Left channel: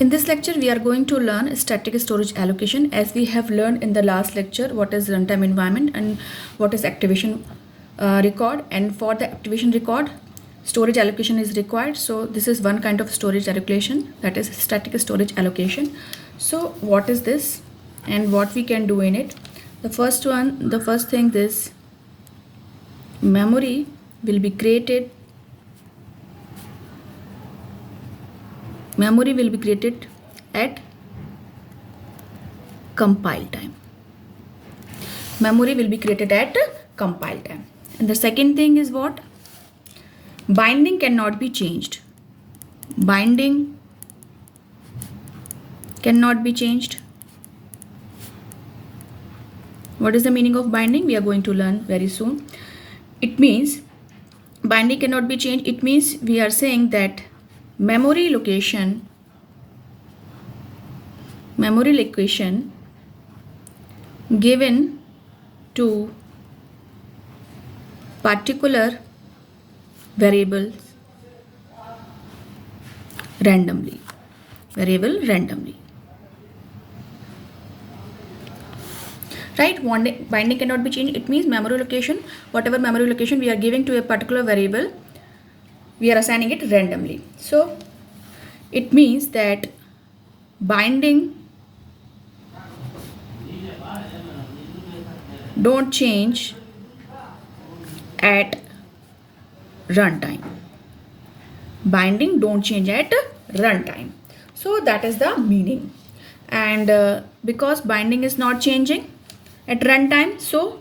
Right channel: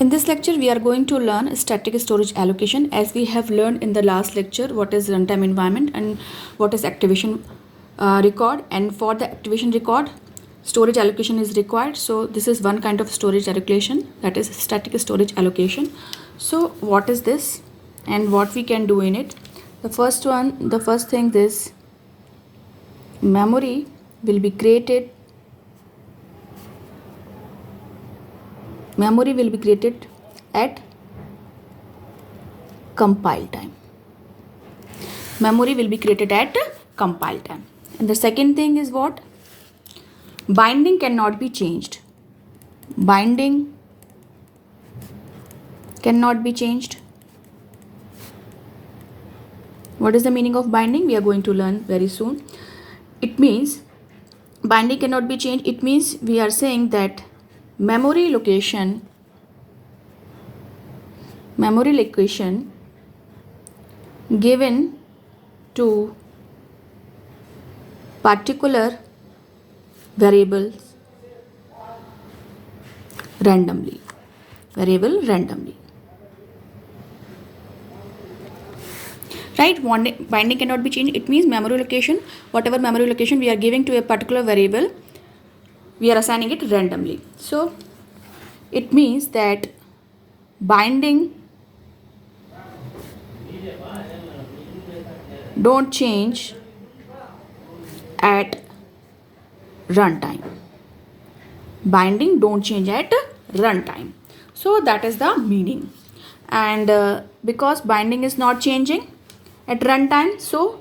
In this lecture, we are going to learn static storage allocation, as we have learned in the last lecture what is runtime environment and what is activation record. And for the activation record, storage allocation is required. So this is one kind of storage allocation, that is static storage allocation. So what is this and what we can do in it? The first thing is memory will be created. Memory will be created at compile time. Memory will be created at compile time. And the second thing is what? Binding cannot be changed. Binding cannot be changed. What is the meaning of binding? We are going to learn very soon. It means binding cannot be changed. It means we are saying that memory location given to particular variable randomly. Right? Binding cannot be changed. It means memory location, whatever memory location we are giving to a particular variable, we are assigning it randomly. So it means that binding don't change at runtime. Binding don't change at runtime. So that is the meaning. And because binding is not changing at runtime, so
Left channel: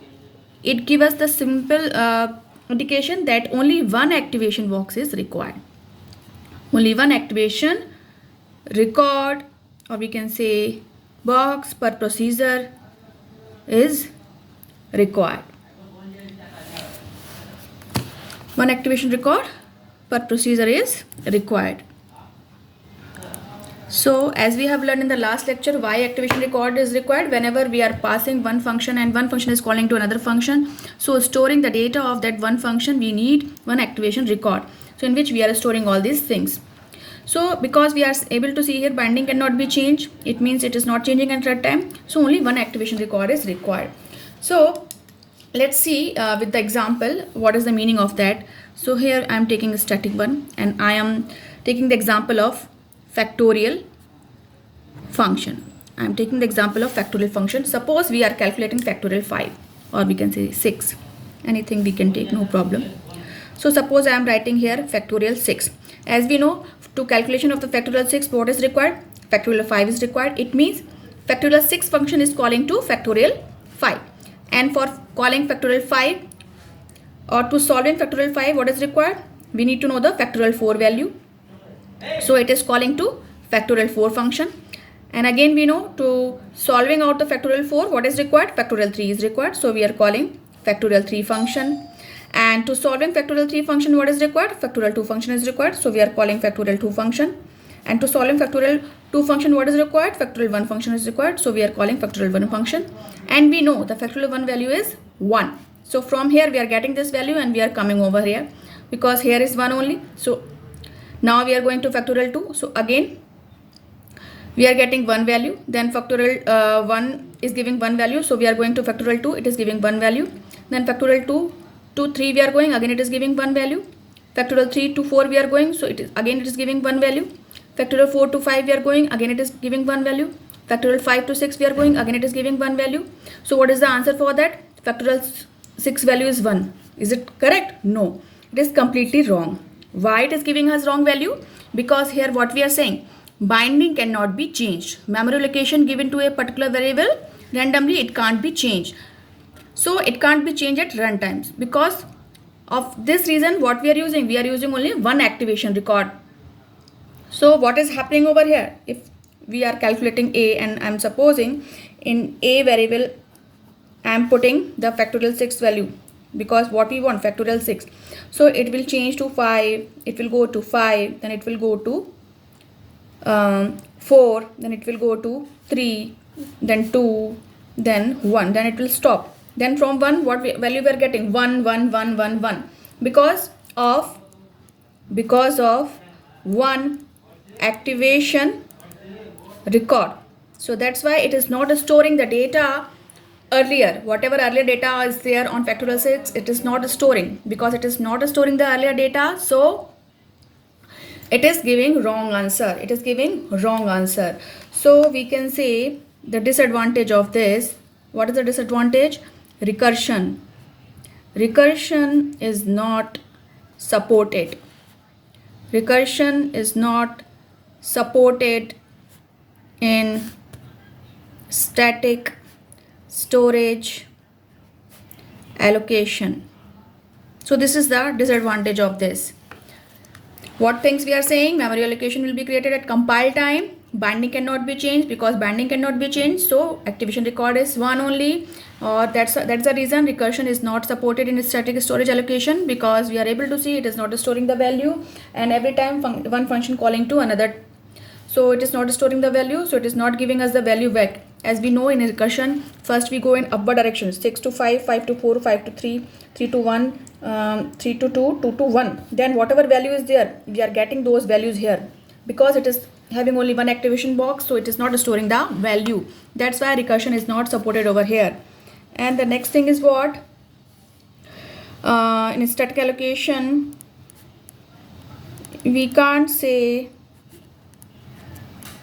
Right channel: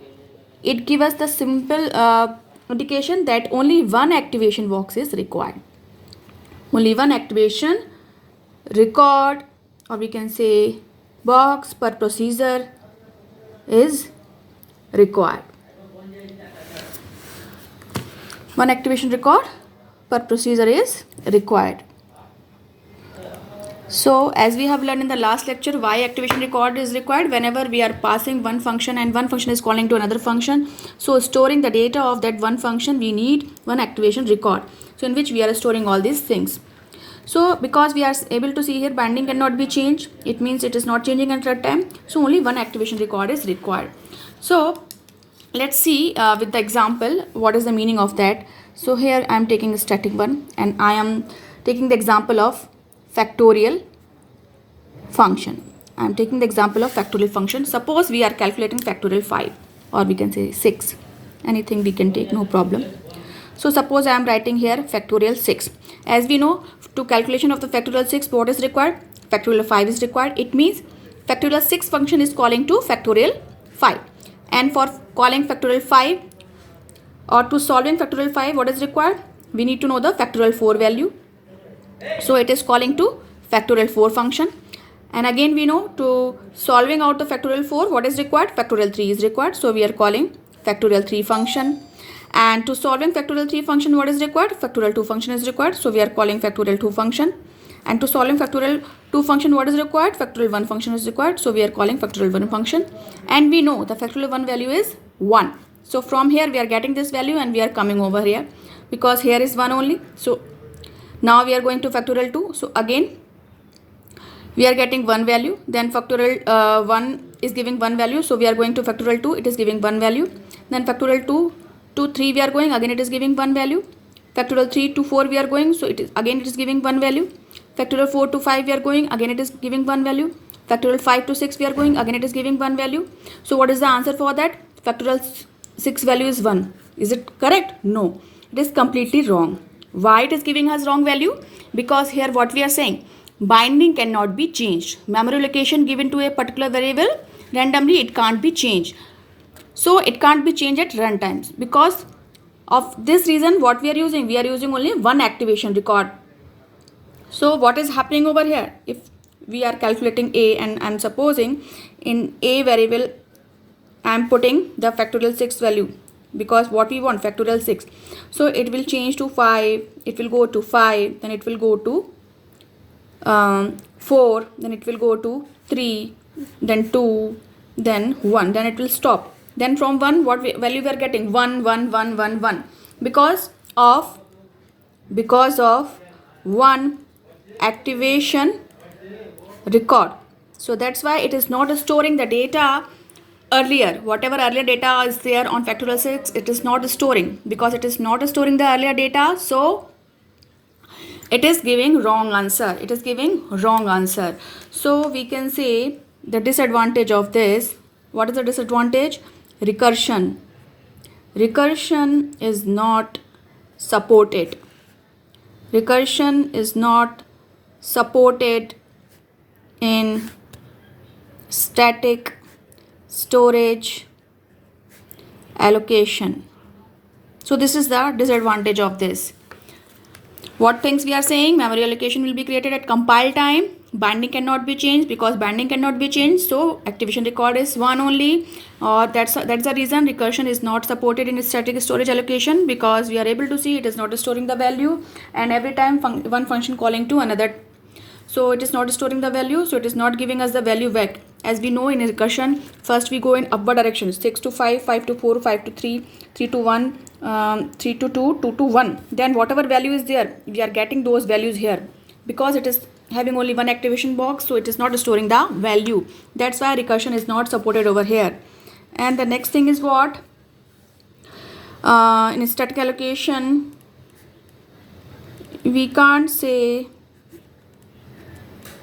it gives us the simple indication that only one activation box is required. Only one activation record, or we can say box per procedure, is required. One activation record per procedure is required. So as we have learned in the last lecture, why activation record is required? Whenever we are passing one function and one function is calling to another function, so storing the data of that one function, we need one activation record, so in which we are storing all these things. So because we are able to see here binding cannot be changed, it means it is not changing at runtime, so only one activation record is required. So let's see with the example what is the meaning of that. So here I am taking a static one and I am taking the example of factorial function. I am taking the example of factorial function. Suppose we are calculating factorial 5, or we can say 6. Anything we can take, no problem. So suppose I am writing here factorial 6. As we know, to calculation of the factorial 6, what is required? Factorial 5 is required. It means factorial 6 function is calling to factorial 5. And for calling factorial 5 or to solving factorial 5, what is required? We need to know the factorial 4 value. So it is calling to factorial 4 function. And again we know to solving out the factorial 4, what is required? Factorial 3 is required. So we are calling factorial 3 function. And to solving factorial 3 function, what is required? Factorial 2 function is required. So we are calling factorial 2 function. And to solving factorial 2 function, what is required? Factorial 1 function is required. So we are calling factorial 1 function. And we know the factorial 1 value is 1. So from here we are getting this value and we are coming over here because here is 1 only. So now we are going to factorial 2. So again we are getting 1 value. Then factorial 1 is giving 1 value. So we are going to factorial 2. It is giving 1 value. Then factorial 2 to 3 we are going. Again it is giving 1 value. Factorial 3 to 4 we are going. So it is giving 1 value. Factorial 4 to 5 we are going. Again it is giving 1 value. Factorial 5 to 6 we are going. Again it is giving 1 value. So what is the answer for that? Factorial 6 value is 1. Is it correct? No. It is completely wrong. Why it is giving us wrong value? Because here what we are saying, binding cannot be changed. Memory location given to a particular variable randomly, it can't be changed. So it can't be changed at runtimes. Because of this reason, what we are using only one activation record. So what is happening over here? If we are calculating a and I'm supposing in a variable I'm putting the factorial 6 value, because what we want, factorial 6. So it will change to 5, it will go to 5, then it will go to 4, then it will go to 3, then 2, then 1, then it will stop. Then from 1, what value we are getting? 1, 1, 1, 1, 1. Because of one activation record. So that's why it is not storing the data earlier. Whatever earlier data is there on factorial 6, it is not storing. Because it is not storing the earlier data, so it is giving wrong answer. It is giving wrong answer. So we can say the disadvantage of this. What is the disadvantage? Recursion. Recursion is not supported. Recursion is not supported in static storage allocation. So this is the disadvantage of this. What things we are saying? Memory allocation will be created at compile time. Binding cannot be changed. Because binding cannot be changed, so activation record is 1 only. That's the reason recursion is not supported in static storage allocation, because we are able to see it is not storing the value, and every time one function calling to another, so it is not storing the value, so it is not giving us the value back. As we know in recursion, first we go in upward direction, 6 to 5, 5 to 4, 5 to 3, 3 to 1, 3 to 2, 2 to 1. Then whatever value is there, we are getting those values here. Because it is having only one activation box, so it is not storing the value. That's why recursion is not supported over here. And the next thing is what? In static allocation, we can't say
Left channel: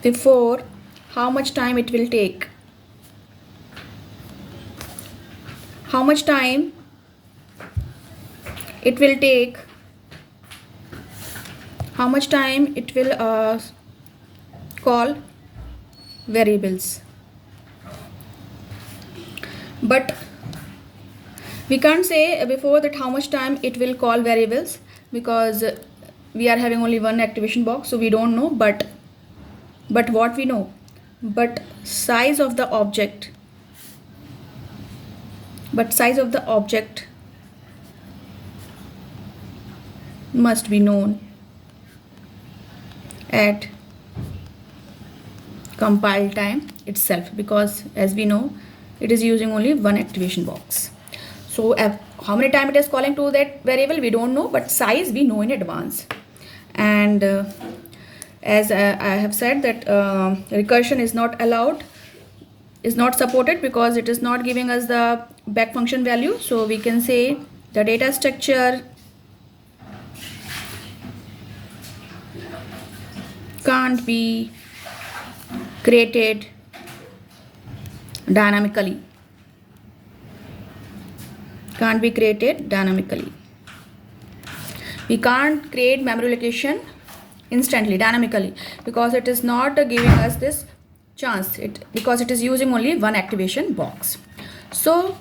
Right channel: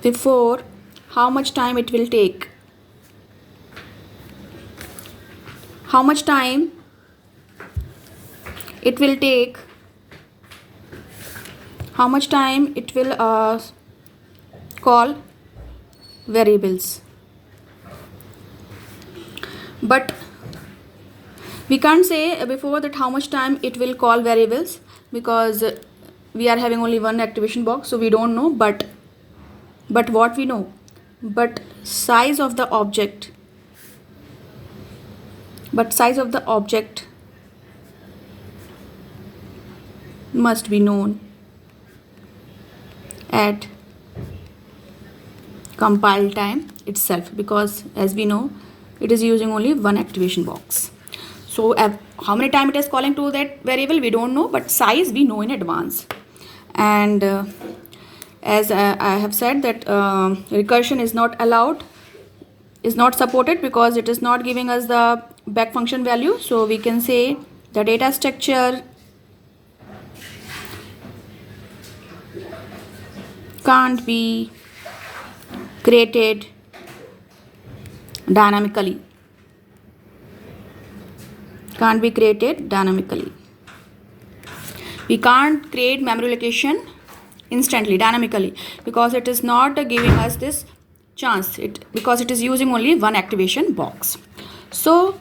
before how much time it will take. How much time it will take, how much time it will call variables. But we can't say before that how much time it will call variables, because we are having only one activation box, so we don't know. But what we know, but size of the object, must be known at compile time itself, because as we know it is using only one activation box. So how many time it is calling to that variable we don't know, but size we know in advance. And as I have said that recursion is not allowed, is not supported, because it is not giving us the back function value. So we can say the data structure can't be created dynamically. Can't be created dynamically. We can't create memory allocation instantly, dynamically, because it is not giving us this chance, because it is using only one activation box. So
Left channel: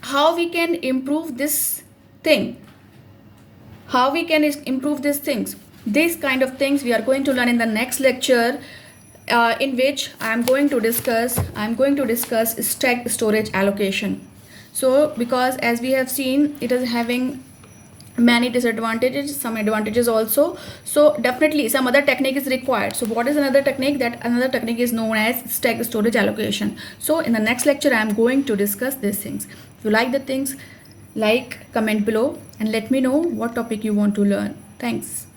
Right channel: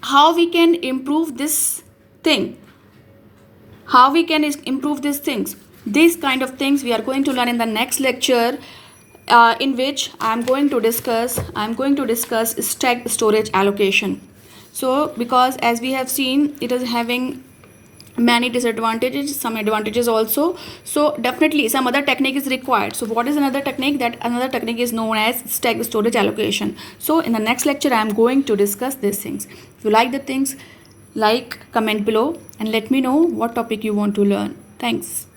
how we can improve this thing? How we can improve these things? These kind of things we are going to learn in the next lecture, in which I am going to discuss stack storage allocation. So because as we have seen, it is having many disadvantages, some advantages also. So definitely some other technique is required. So what is another technique? That another technique is known as stack storage allocation. So in the next lecture I am going to discuss these things. If you like the things, like, comment below and let me know what topic you want to learn. Thanks.